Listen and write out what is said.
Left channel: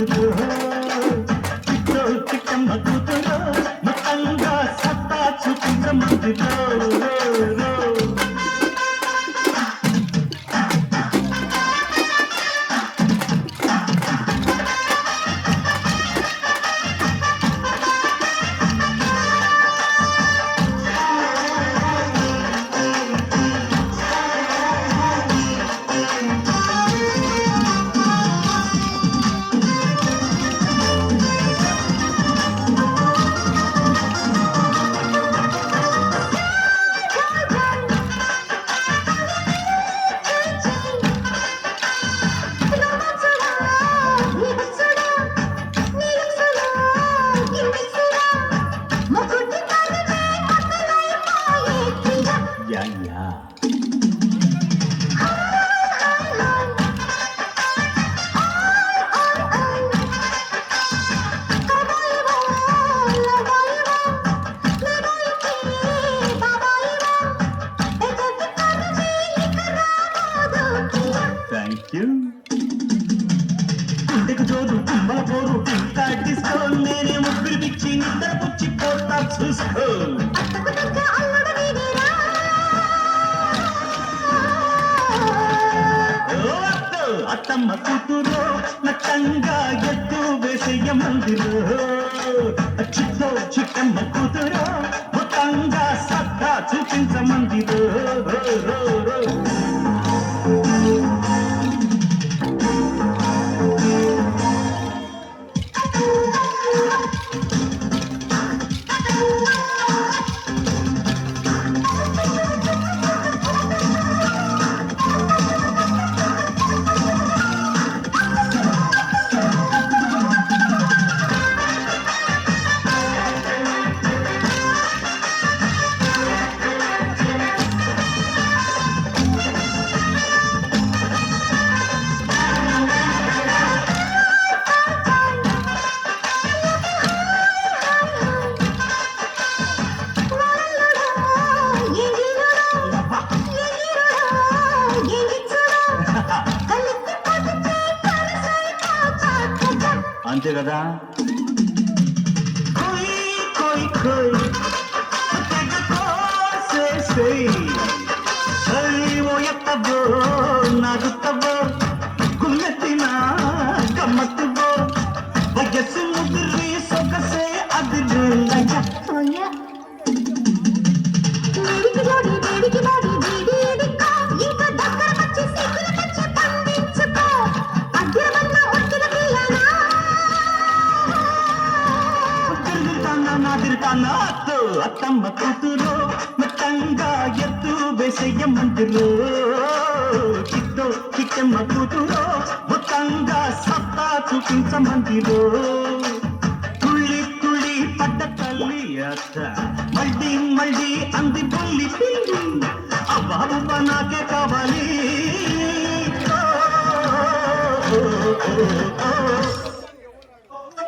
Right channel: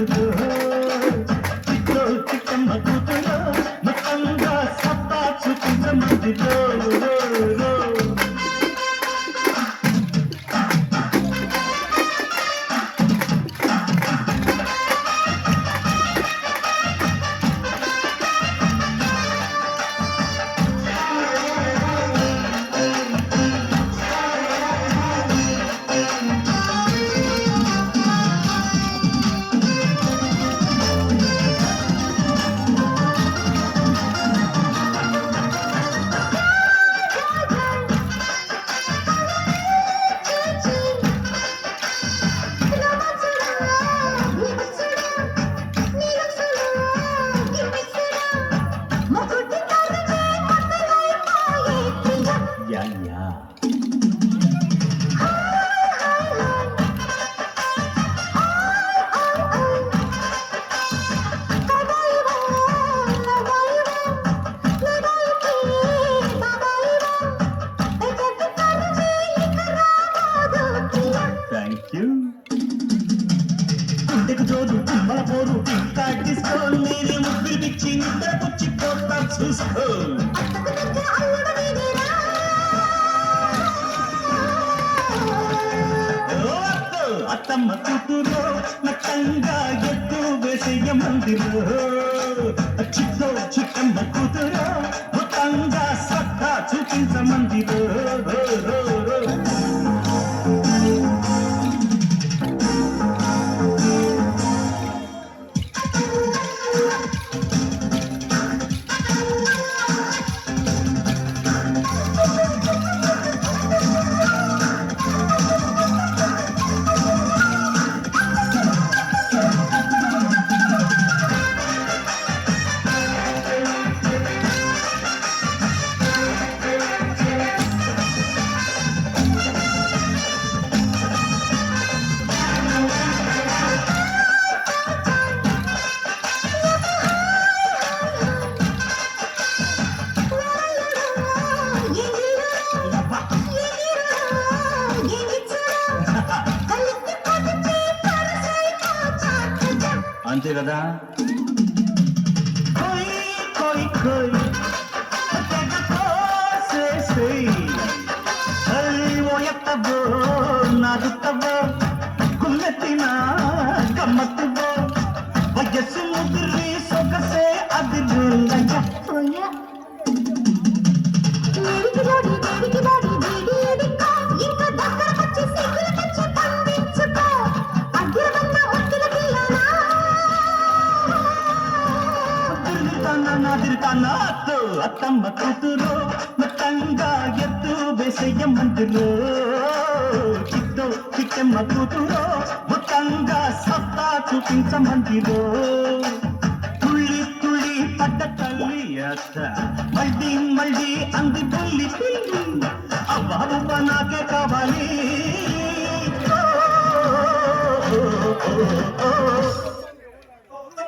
కూతురు చిట్టో చిట్టమ్మ కూతురు మొత్తంగా సత్తా చూపించమందిరో యా యా థ్యాంక్ యూ గుండెకు జోరు కుమ్మల పోరు ఇంకా డిస్కో నేనే ముగ్గురు పిచ్చి నిద్ర పుచ్చి పోతా చూసుకో అత్తమ్మ కూతురు నట్టంగా ఎత్తు వేసేయ మందిలో చిట్టో చిట్టమ్మ కూతురు మొత్తంగా సత్తా చూపించమందిలో అంతే కదా చలివో ఎత్తబో నడుత్తబో గుమ్మెత్తిన గమ్మత్తుబో వయస్సు ముదిరి సొగసే అదిలయ్య అత్తమ్మ కూతురు మొత్తంగా ఎత్తు వేసయ్య మందిలో చిట్టో చిట్టమ్మ కూతురు మొత్తంగా సత్తా చూపించమందిలో తుళ్ళి తుళ్ళి పడ్డ తల్లి అత్త మళ్ళీ మళ్ళీ అంది బొల్లి పిల్లి అవ్వ నాకే కావాలి